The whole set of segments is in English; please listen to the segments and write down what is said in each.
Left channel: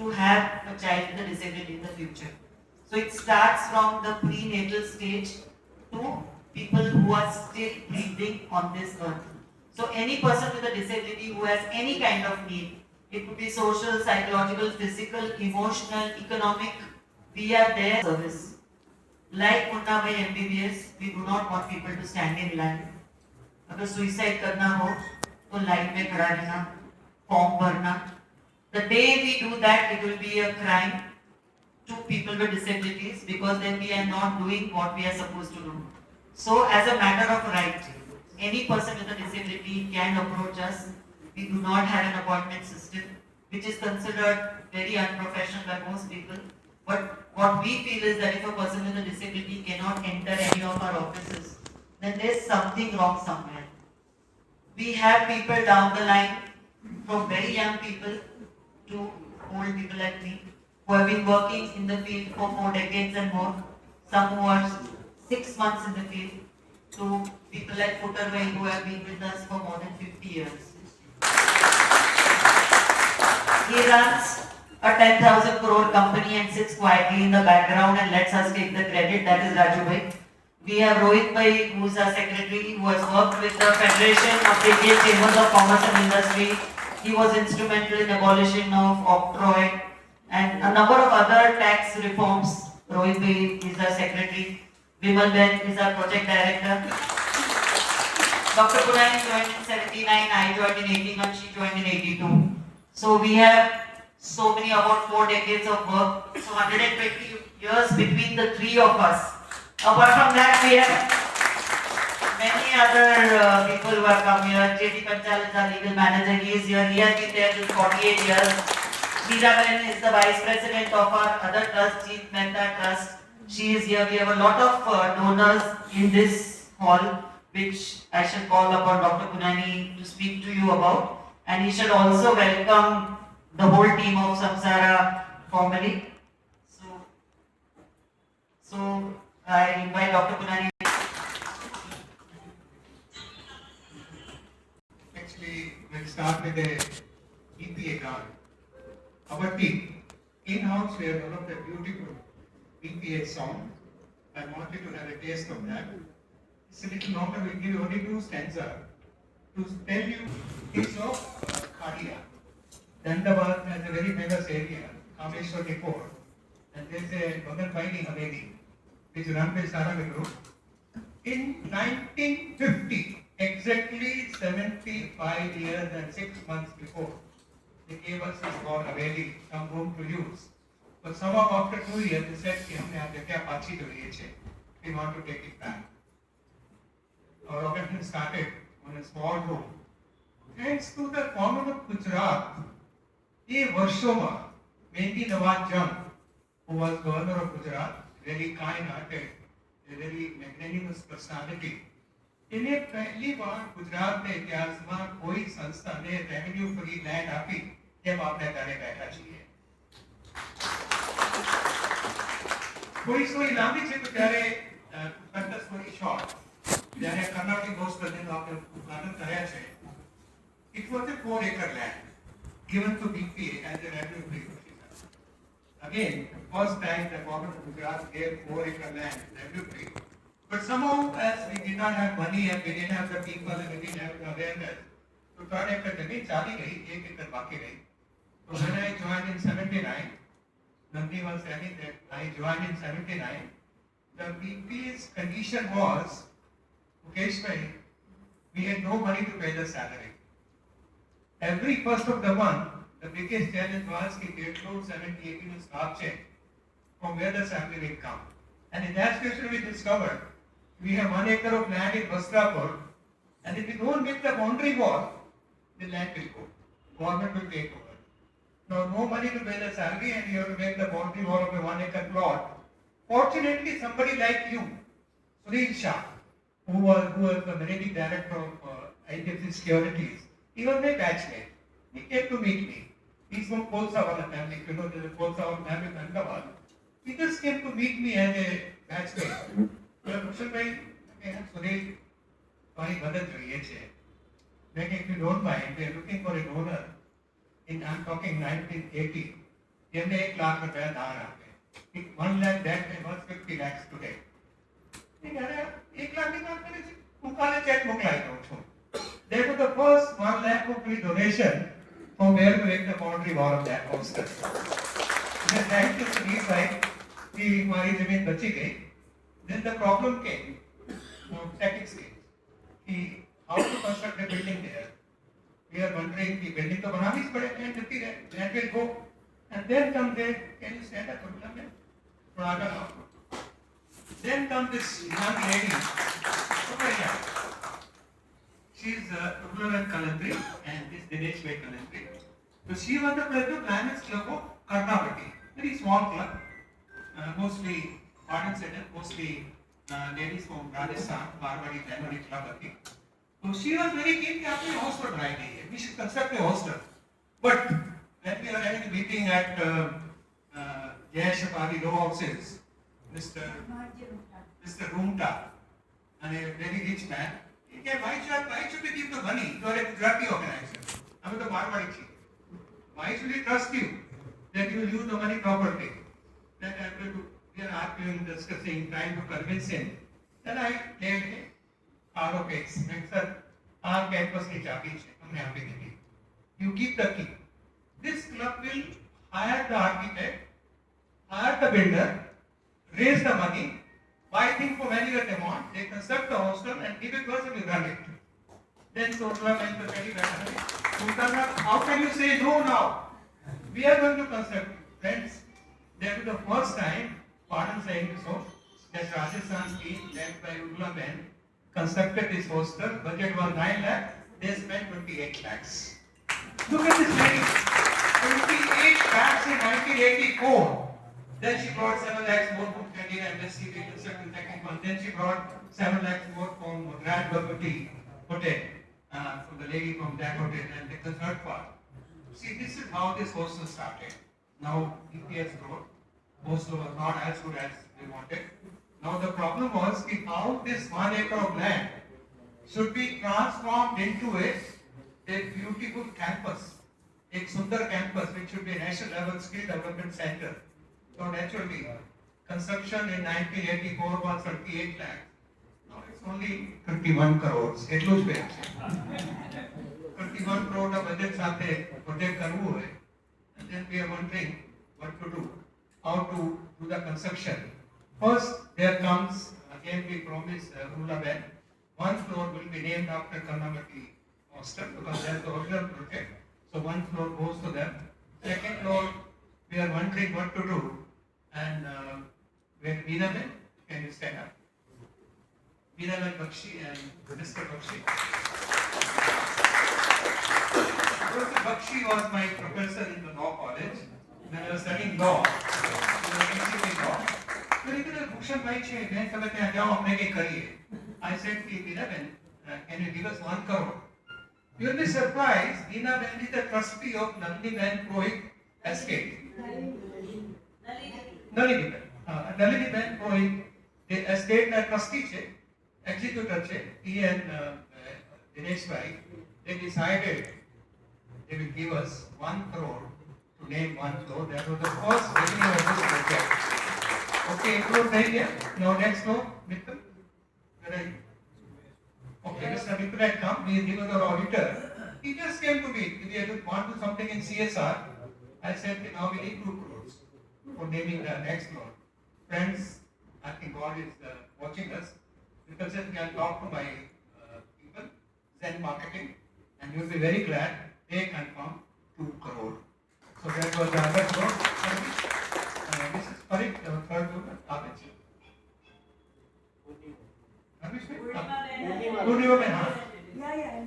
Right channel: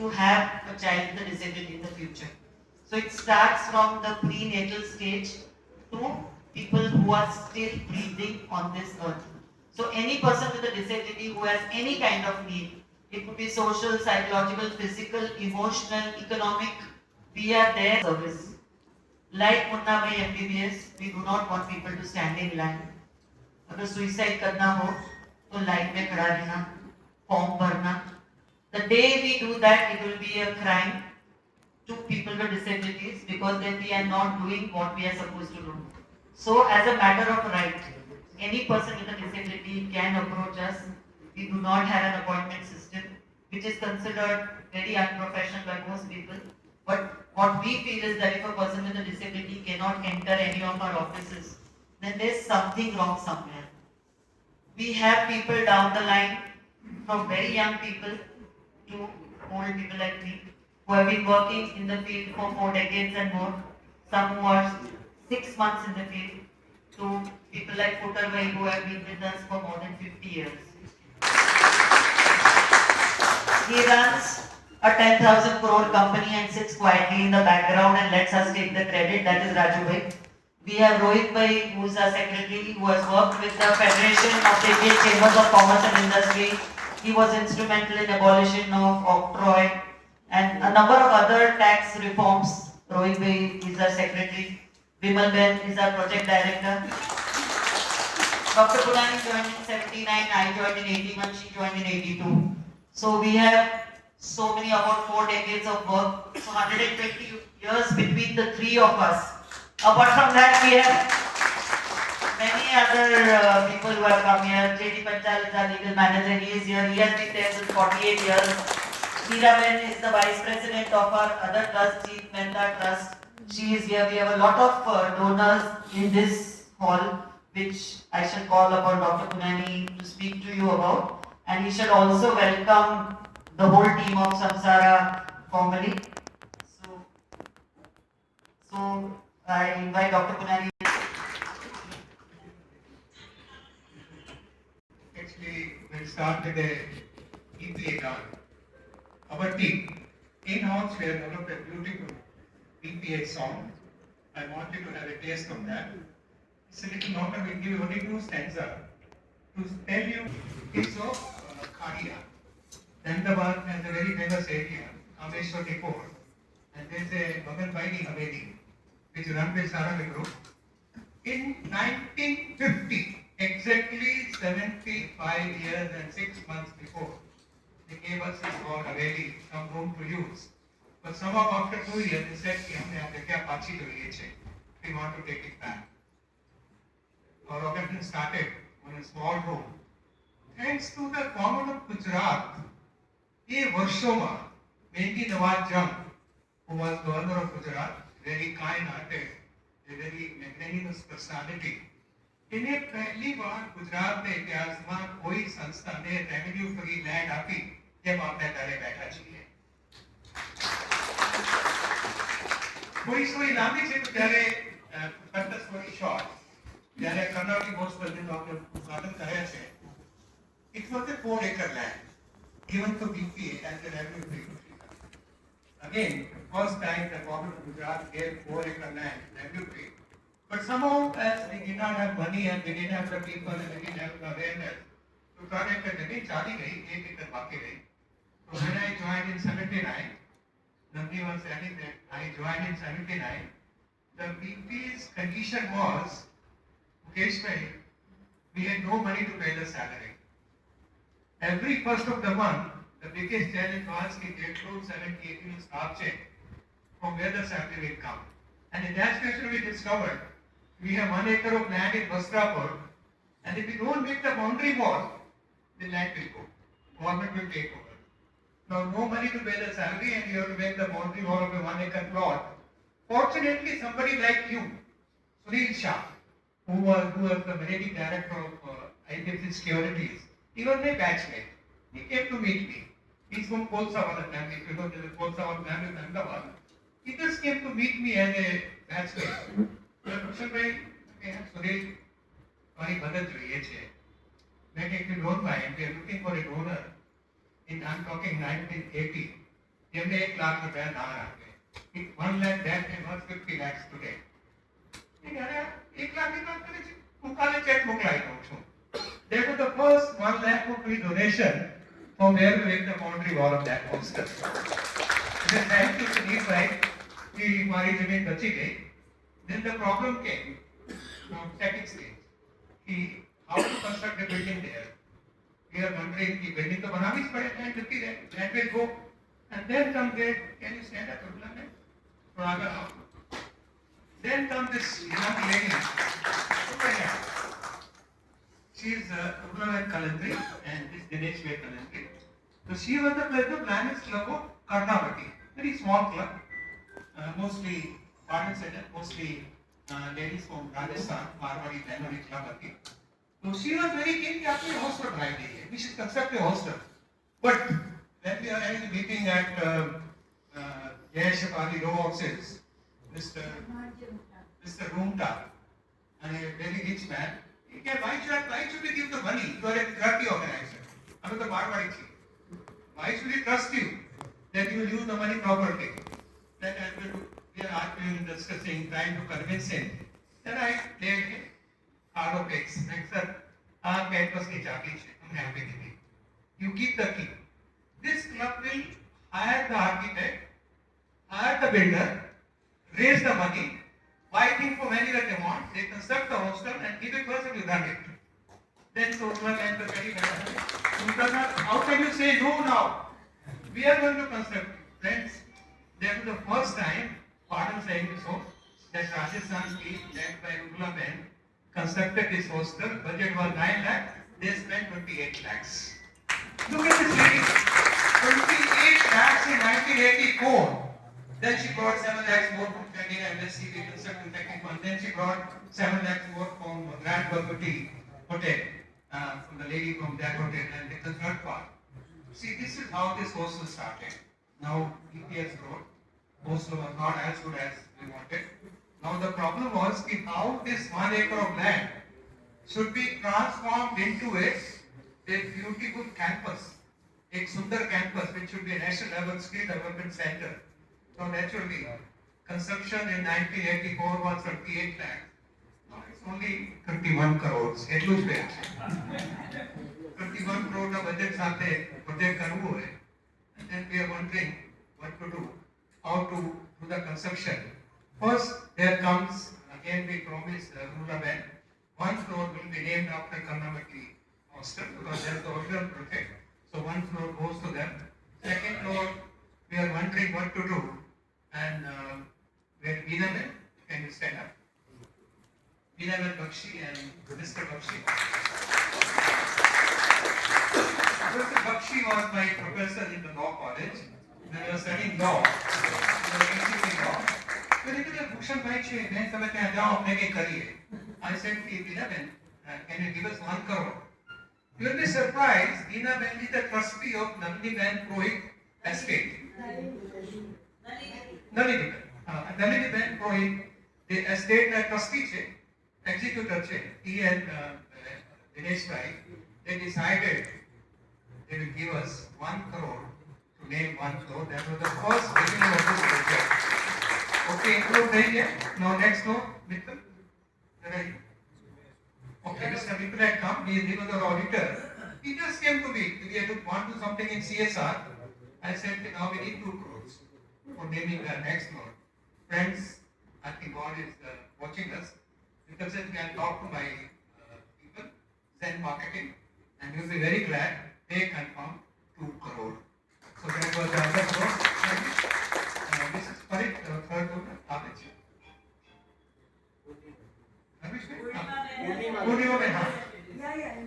to have a child with a disability in the future. So it starts from the prenatal stage to people who are still breathing on this earth. So any person with a disability who has any kind of need, it could be social, psychological, physical, emotional, economic, we are there service. Like Munna Bhai MBBS, we do not want people to stand in line. अगर suicide करना हो तो line में खड़ा रहना, form भरना. The day we do that, it will be a crime to people with disabilities because then we are not doing what we are supposed to do. So, as a matter of right, any person with a disability can approach us. We do not have an appointment system, which is considered very unprofessional by most people. But what we feel is that if a person with a disability cannot enter any of our offices, then there's something wrong somewhere. We have people down the line, from very young people to old people like me, who have been working in the field for 4 decades and more, some who are 6 months in the field, to people like Futterway who have been with us for more than 50 years. He runs a 10,000 crore company and sits quietly in the background and lets us take the credit. That is Raju Bhai. We have Rohit Bhai, who is our secretary, who has worked with the Federation of the Indian Chambers of Commerce and Industry. He was instrumental in abolition of octroi and a number of other tax reforms. Rohit Bhai is our secretary. Vimal Ben is our project director. Dr. Punani joined in 79, I joined in 81, she joined in 82. So we have so many, about 4 decades of work, so 120 years between the three of us. Apart from that, we have many other people who have come here. J.D. Panchal is our legal manager, he is here, he has been there since 48 years. Meeraben is the vice president of our other trust, Chief Mehta Trust. She is here. We have a lot of donors in this hall, which I shall call upon Dr. Punani to speak to you about. And he should also welcome the whole team of Samsara formally. So I invite Dr. Punani. Actually, we'll start with a BPA card. Our team, in-house, we have developed a beautiful BPA song. I want you to have a taste of that. It's a little longer, we'll give you only 2 stanzas to tell you it's of Khadia. Ahmedabad has a very famous area, Kameshwar Depot, and there's a Bhagat Baini Haveli, which is run by Sarang Group. In 1950, exactly 75 years and 6 months before, they gave us a small Haveli, some room to use. But somehow after 2 years, they said, we want to take it back. Our organization started on a small room. Thanks to the government of Gujarat, ये वर्षों में मेघी नवाज जंग, who was governor of Gujarat, very kind-hearted, a very magnanimous personality. इन्हें पहली बार गुजरात के इतिहास में कोई संस्था ने रेवेन्यू फ्री लैंड आपी जब आपने घरे बैठा चाहिए. कोई स्टोरी लांबी છે તો ત્યારે cut the story short. જ્યારે કર્ણાવતી બોસ પ્રદેશનું આપણે ઉદ્ઘાટન કર્યા છે. It was a 4-acre land given to BPA as a revenue free. Again, first time the government of Gujarat gave 4-acre land revenue free. But somehow, as we did not have money and we didn't have the people and we didn't have the awareness, to 3 acre जमीन चाली गई, 1 acre बाकी रही. So when I joined in 79, Nandi was saying that I joined in 79. The BP's condition was, Mukesh bhai, we had no money to pay the salary. Every first of the month, the biggest challenge was to get through 70-80 staff check from where the salary will come. And in that situation we discovered we have 1 acre of land in Vastrapur, and if we don't make the boundary wall, the land will go. Government will take over. Now no money to pay the salary and you have to make the boundary wall of a 1 acre plot. Fortunately, somebody like you, Sunil Shah, who was the managing director of IDFC Securities, he was my batchmate. He came to meet me. He's from Kolsawala family. If you know, there's a Kolsawala family in Ahmedabad. He just came to meet me as a batchmate. Kushal bhai, Sunil, sorry, brother, if you don't mind, we are looking for a donor. I'm talking 1980. એમને 1 લાખ રૂપિયા દાન આપે. 1 lakh that they worth 50 lakhs today. એ ત્યારે 1 લાખની વાત કરે છે. હું કાલે ચેક મોકલાવી દઉં છું. That was the first 1 lakh rupee donation from where we went the boundary wall of that poster. Then thank you to me side कि हमारी जमीन बची गई. Then the problem came. Second stage. कि how to construct the building there. We are wondering कि building तो बनानी ही पड़ेगी, जबकि land will go. And then come there, can you stand up? थोड़ा आगे आओ. Then come this young lady. She is Urmila Kalantri and this Dinesh Vai Kalantri. So she was the Planets Club of Karnataka. Very small club, mostly garden center, mostly ladies from Rajasthan, Marwari, Bengali club. So she was very keen to have a hostel right here. We should construct a hostel. But when we are having a meeting at Jayashapali Law Offices, Mr. Rumta, and a very rich man, he said, why should we give the money to a charity organization? I mean, the Marwari chief. Why should we trust you that you will use the money properly? Then we are arguing, discussing, trying to convince him. Then I gave him out of X. Sir, our campus ki chabi hai. Humne aapke di. You keep the key. This club will hire the architect, hire the builder, raise the money, buy things for very little amount, they construct the hostel and give a person to run it. Then Sotla and the very how can you say no now? We are going to construct. Friends, that was the first time, pardon saying so, that Rajasthan team led by Urmila Ben constructed this hostel. Budget was 9 lakh, they spent 28 lakhs. Look at this lady, 28 lakhs in 1984. Then she brought 7 lakhs more from Canadian MSc, construction technical. Then she brought 7 lakhs more from Grand Bhagwati Hotel, from the lady from that hotel, and the third part. See, this is how this hostel started. Now, EPS road, hostel was not as good as we wanted. Now, the problem was that how this 1 acre of land should be transformed into a beautiful campus, a Sundar campus, which should be a national level skill development center. So naturally, construction in 1984 was 38 lakhs. Now it's only 31 crores. એટલું જ છે. 31 crore નો budget સાથે project કરવું હોય. And then we are wondering what to do, how to do the construction. First, there comes, again we promise Urmila Ben, 1 floor will be named after Karnamati hostel because they are the original project. So 1 floor goes to them. Second floor, we are wondering what to do. And where Meena Ben, can you stand up? Meena Ben Bakshi and Mr. Bakshi. Mr. Bakshi was my professor in the law college when I was studying law. I said, Meena Ben, can you give us 1 crore? You will be surprised, Meena Ben is the trustee of Nandini Ben Purohit estate. Nalini Ben Purohit, the estate trustee છે, executor છે, he and Dinesh Vai, they decided they will give us 1 crore to name 1 floor. That was the first beginning of this project. Okay, include there. Now next door, Mikkel. Where are you? Okay, Mr. Mikkel had come. He was the auditor. He just came to me. We want to do something in CSR. I said, now we need 2 crores for naming the next floor. Friends, I think God is watching us. Because you can talk to my people, Zen Marketing, and you'll be very glad they confirm 2 crore. So that was the other floor. This is correct, the third floor, Abish. Purnima Ben, huh?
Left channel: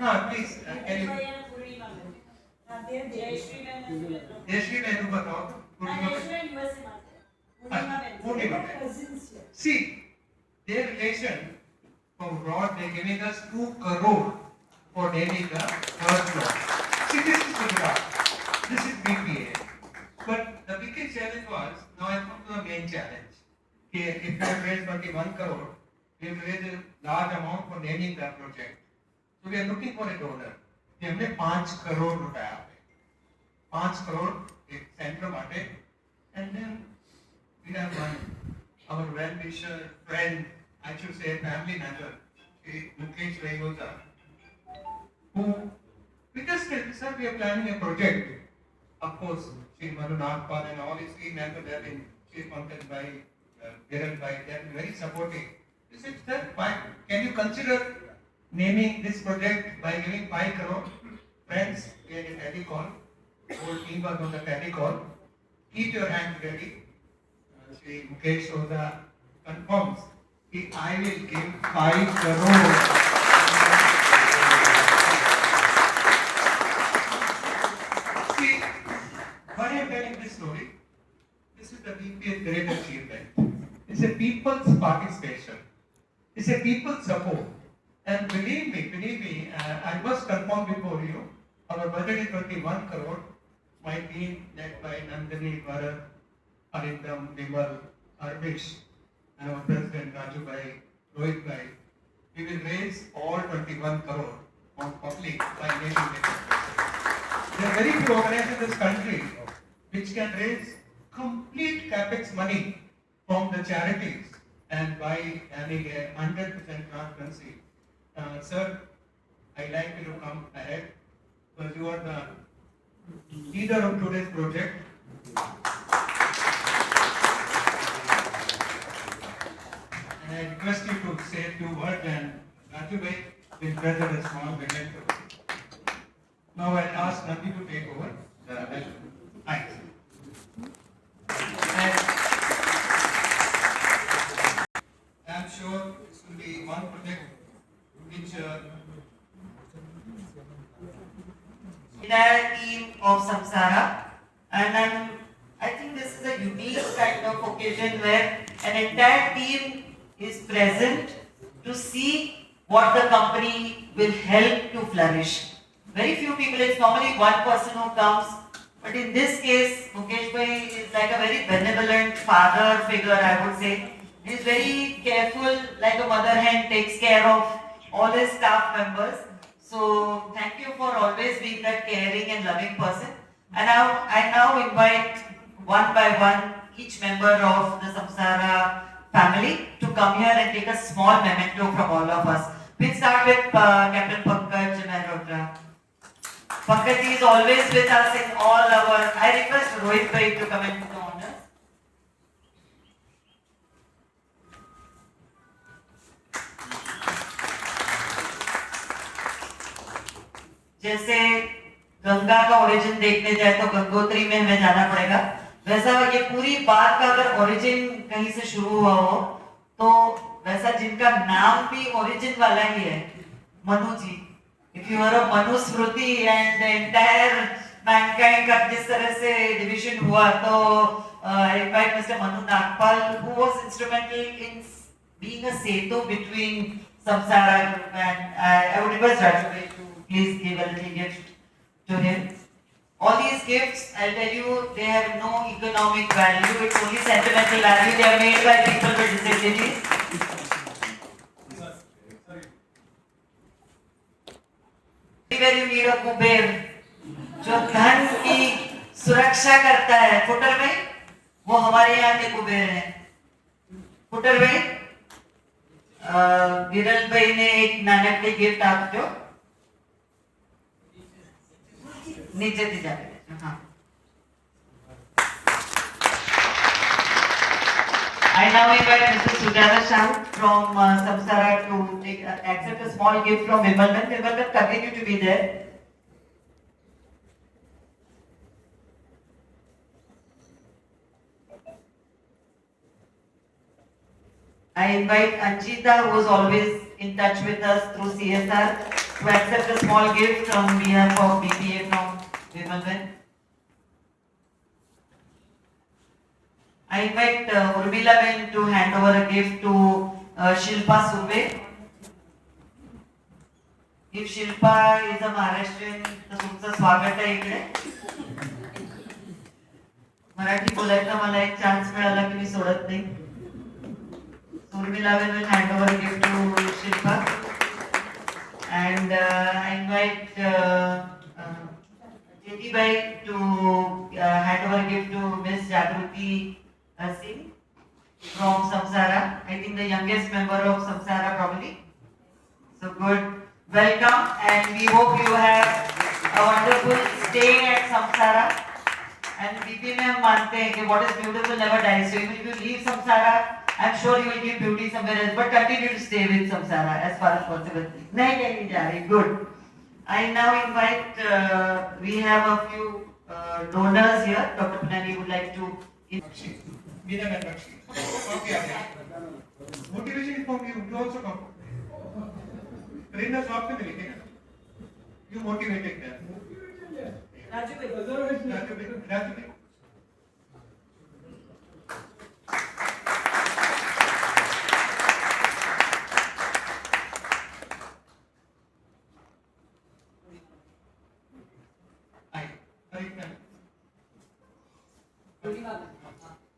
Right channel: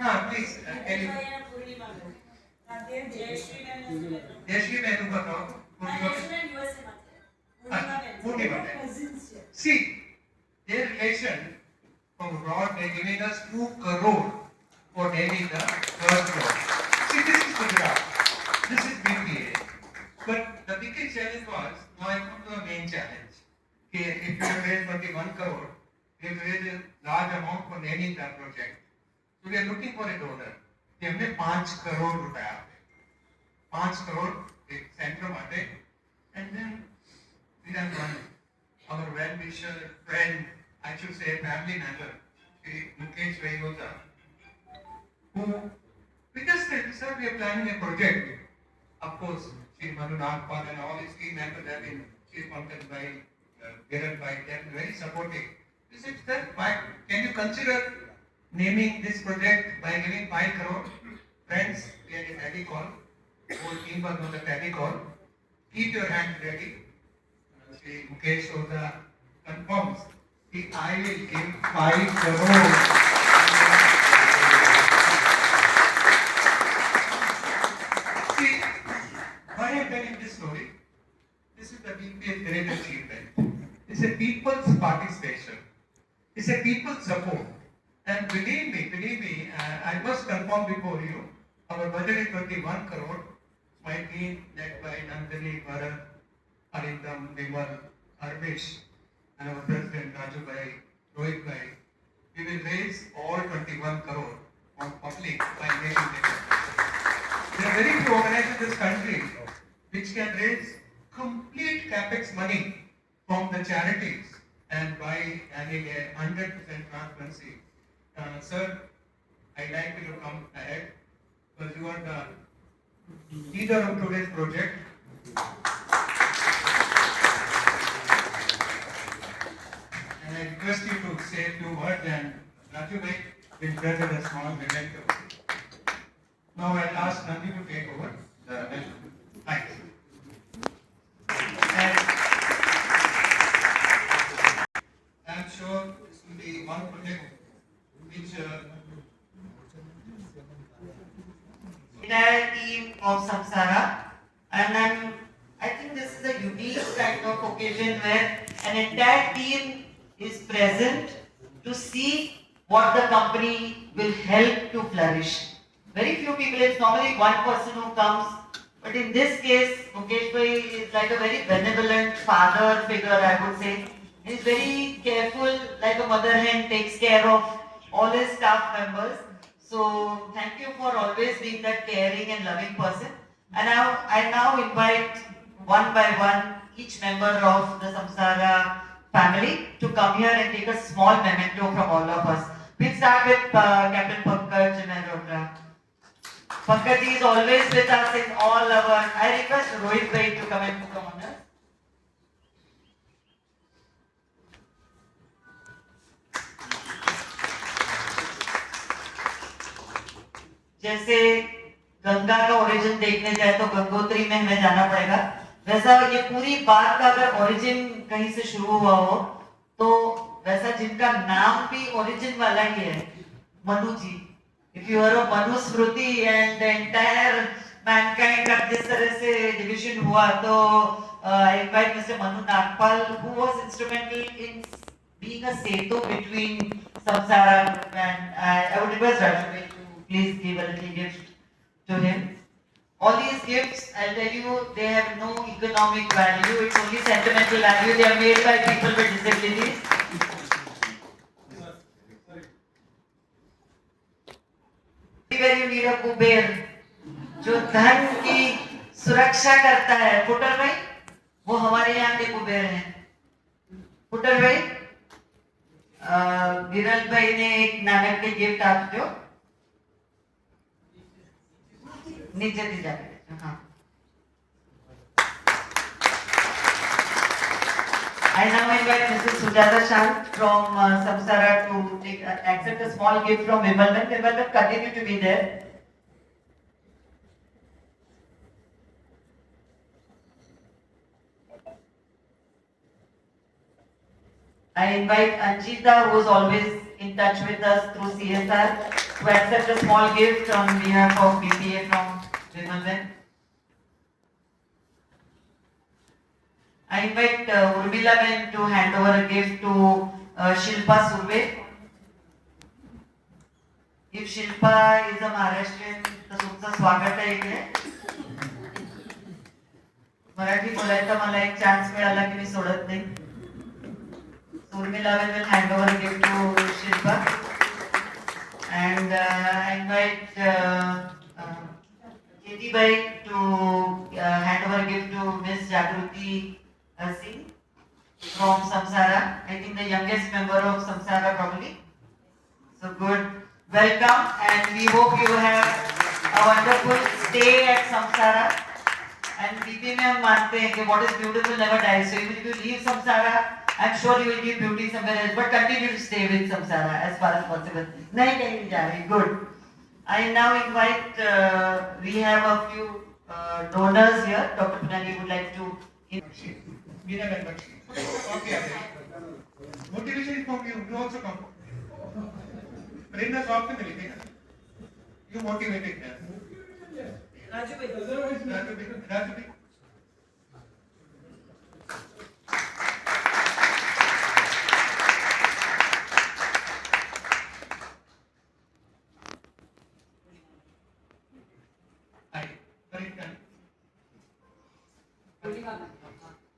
Yeah, please, can you? Jayashri Ben, you बताओ. Purnima Ben. See, their relation from abroad, they giving us 2 crore for naming the third floor. See, this is Gujarat. This is BPA. But the biggest challenge was, now I come to the main challenge. If we have raised 21 crore, we have raised a large amount for naming the project. So we are looking for a donor. कि हमें 5 करोड़ रुपया 5 करोड़ एक centre माटे family member, Shri Mukesh Vaigota, who we just said we are planning a project. Of course, Shri Manu Nagpal and all his team members have been Pankaj Bhai, Kiran Bhai, they have been very supportive. We said, sir, why can you consider naming this project by giving 5 crore? Friends, we are in Paddy Call, whole team are on the Paddy Call. Keep your hands ready. Shri Mukesh Oza confirms that I will give 5 crore. See, why I am telling this story? This is the BPS great achievement. It's a people's participation. It's a people's support. And believe me, I must confirm before you, our budget is 21 crore. My team led by Nandini, Bharat, Arindam, Vimal, Arvish, and our president Raju Bhai, Rohit Bhai, we will raise all 21 crore on public by making it. There are very few organizations in this country which can raise complete capex money from the charities and by having a 100% transparency. Sir, I'd like you to come ahead because you are the leader of today's project. And I request you to say a few words and Raju Bhai will present a small memento. Now I'll ask Nandi to take over the rest. Thanks. I'm sure this will be one project which entire team of Samsara, and I think this is a unique kind of occasion where an entire team is present to see what the company will help to flourish. Very few people, it's normally one person who comes, but in this case, Mukesh Bhai is like a very benevolent father figure, I would say. He's very careful, like a mother hen takes care of all his staff members. So thank you for always being that caring and loving person. And I now invite one by one each member of the Samsara family to come here and take a small memento from all of us. We'll start with Captain Pankaj Mehrotra. Pankaj is always with us in all our. I request Rohit Bhai to come and put the honors. जैसे गंगा का origin देखने जाए तो गंगोत्री में हमें जाना पड़ेगा, वैसा ये पूरी बात का अगर ओरिजिन कहीं से शुरू हुआ हो तो वैसा जिनका नाम भी ओरिजिन वाला ही है, मनु जी. If you are a Manu Smriti and the entire mankind का जिस तरह से division हुआ तो I invite Mr. Manu Nagpal, who was instrumental in being a setu between Samsara group, and I would request Raju to please give a little gift to him. All these gifts, I'll tell you, they have no economic value, it's only sentimental value. They are made by people with disabilities. Where you need a Kuber जो धन की सुरक्षा करता है, footer भाई, वो हमारे यहाँ के कुबेर हैं. फुटर भाई, विरल भाई ने एक नानकड़ी गिफ्ट आपको नीचे दी जा रही है. हाँ. I now invite Mrs. Sujata Shah from Samsara to take, accept a small gift from Wimbledon. Wimbledon, continue to be there. I invite Anjita, who is always in touch with us through CSR, to accept a small gift on behalf of BPA from Wimbledon. I invite Urmila Ben to hand over a gift to Shilpa Surve. If Shilpa is a Maharashtrian, तर तुमचं स्वागत आहे इकडे. मराठी बोलायचा मला एक chance मिळाला की मी सोडत नाही. Urmila Ben will hand over a gift to Shilpa. And I invite Jyoti Bhai to hand over a gift to Miss Jagruti Singh. from Samsara. I think the youngest member of Samsara probably. So good. Welcome, and we hope you have a wonderful stay at Samsara. And BP में हम मानते हैं कि what is beautiful never dies. So even if you leave Samsara, I'm sure you will give beauty somewhere else. But continue to stay with Samsara as far as possible. नहीं कहीं नहीं जा रही. Good. I now invite. We have a few donors here. Dr. Pinani would like to. Meena and Bakshi. Okay, okay. Motivation from you. You also come. Bring the shop to the meeting. You motivated them. Raju.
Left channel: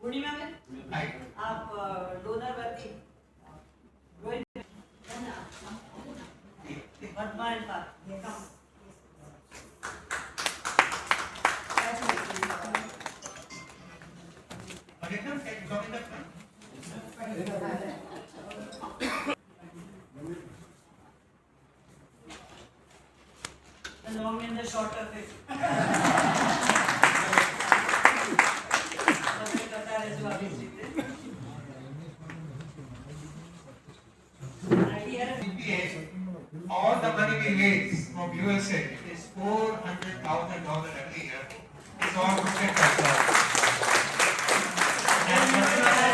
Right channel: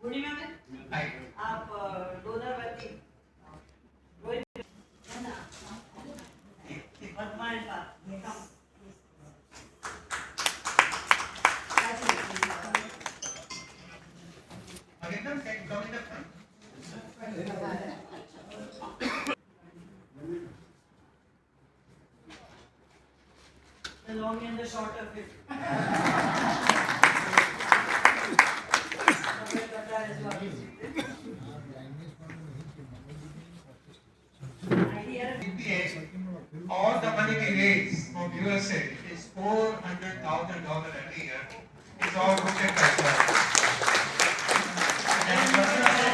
पूर्णिमा में आप donor बनती वर्तमान का The long and the short of it. All the money we raise from USA is $400,000 every year. It's all protect ourselves.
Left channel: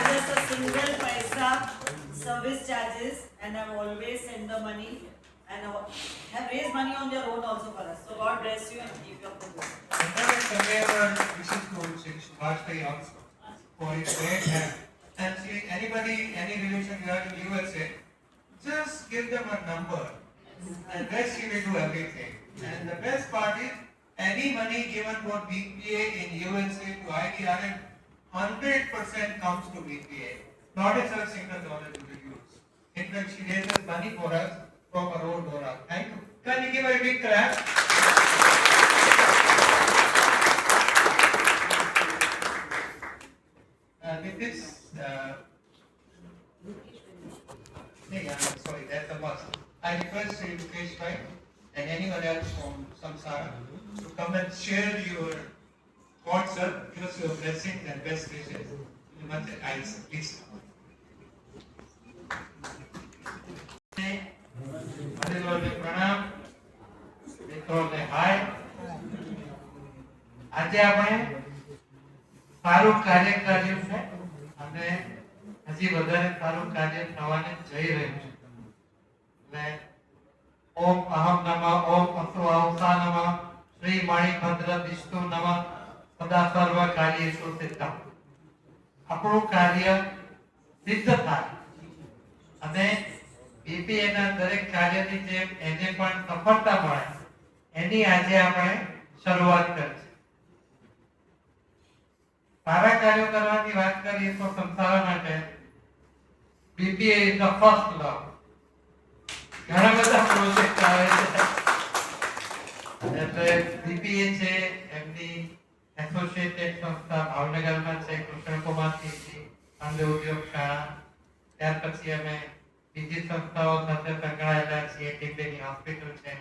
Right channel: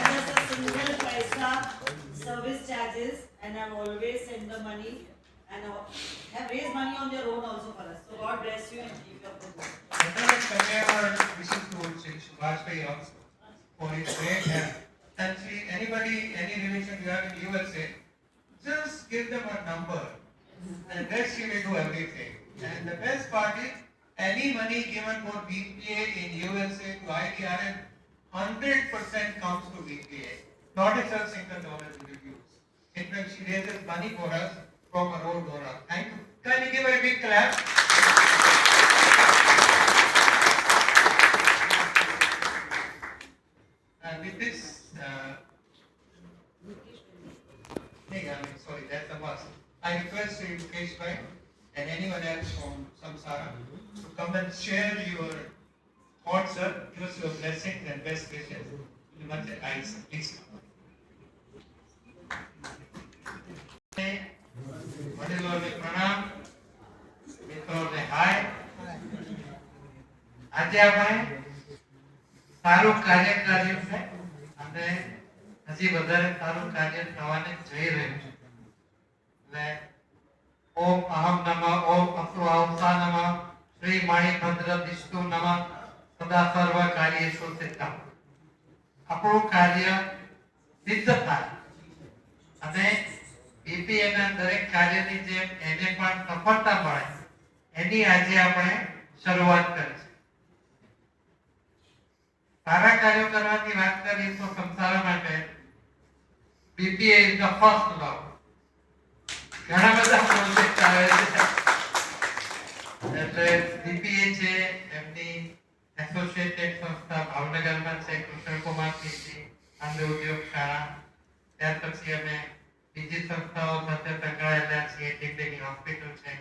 Just a single paisa service charges, and I've always sent the money and have raised money on their own also for us. So God bless you and keep you up the good. This is to Sri Vajpayee also for his great help. Actually, anybody, any relation you have in USA, just give them a number. And rest you will do everything. And the best part is, any money given for BPA in USA to IDRM, 100% comes to BPA. Not a single dollar to the use. In fact, she raises money for us from her own door. Thank you. Can you give her a big clap? With this, sorry, that's the boss. I request you, Mukesh Bhai, and anyone else from Samsara to come and share your thoughts, sir. Give us your blessings and best wishes. You must eyes, please. આજે આપણે સારું કાર્ય કર્યું છે અને હજી વધારે સારું કાર્ય થવાને જઈ રહ્યું છે. એટલે ઓમ અહમ નમઃ ઓમ અસ્વાંસા નમઃ શ્રી મણિભદ્ર વિષ્ણુ નમઃ સદા સર્વ કાર્યેષુ સિદ્ધમ. આપણું કાર્ય સિદ્ધ થાય અને બીપીએ ના દરેક કાર્યની જેમ એને પણ સફળતા મળે એની આજે આપણે શરૂઆત કરી છે. સારા કાર્યો કરવાની વાત કરીએ તો સંસાર માટે BPA is the first love. ઘણા બધા પ્રોજેક્ટ આવે છે એટલે બીપીએ છે એમની એસોસિએટેડ સંસ્થા ભાવનગરમાં છે કૃષ્ણકુમાર કીર્તિ અંધ ઉદ્યોગ શાળા. ત્યાર પછી અમે બીજી સંસ્થાઓ સાથે સંકળાયેલા છીએ. ડિગ્રી હોસ્પિટલ છે.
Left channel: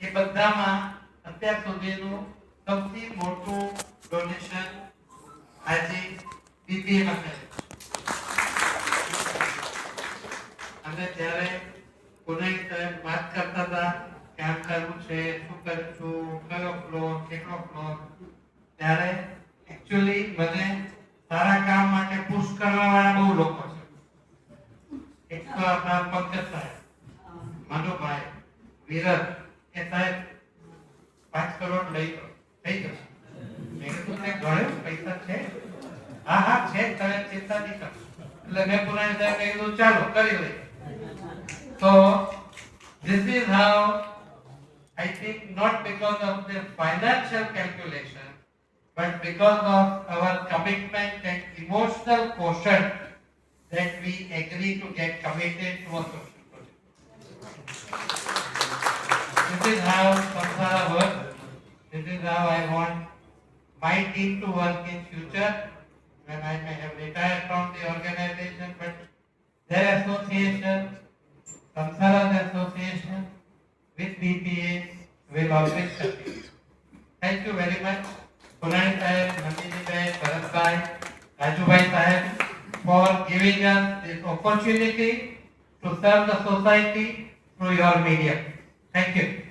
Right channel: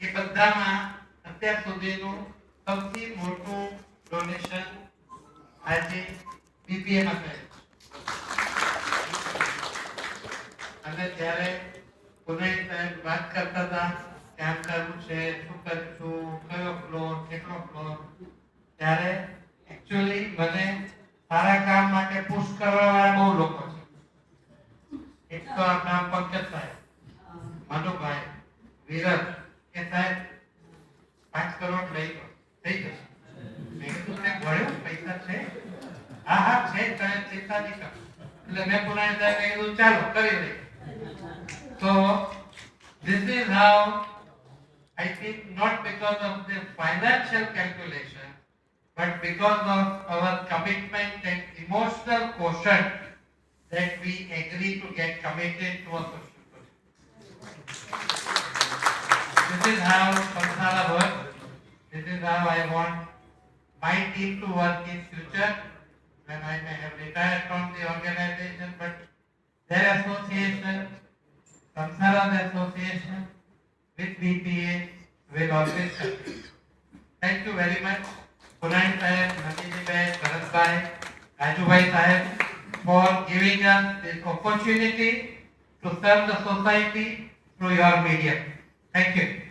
એ બધામાં અત્યાર સુધીનું સૌથી મોટું ડોનેશન આજે બીપીએ માં થયું. અને ત્યારે પુનેશ સાહેબ વાત કરતા હતા કે આમ કરવું છે, શું કરશું, કયો ફ્લોર, કેટલો ફ્લોર, ત્યારે એકચ્યુઅલી મને સારા કામ માટે પુશ કરવાવાળા બહુ લોકો છે. એક તો આપણા પંકજ સાહેબ, મનુભાઈ, વિરત કે સાહેબ 5 કરોડ લઈ લો, થઈ જશે. મેં તમને ગણ્યું પૈસા છે? હા હા છે, તમે ચિંતા નહીં કરો. એટલે મેં પુરાણી સાહેબને કીધું ચાલો કરી લઈએ. So this is how I think, not because of the financial calculation, but because of our commitment and emotional quotient that we agree to get committed to a social project. This is how Samsara works. This is how I want my team to work in future. when I may have retired from the organization, but their association, Samsara's association with BPA will always continue. Thank you very much, Punai Sahib, Nandini Bhai, Bharat Bhai, Raju Bhai Sahib, for giving us this opportunity to serve the society through your media. Thank you.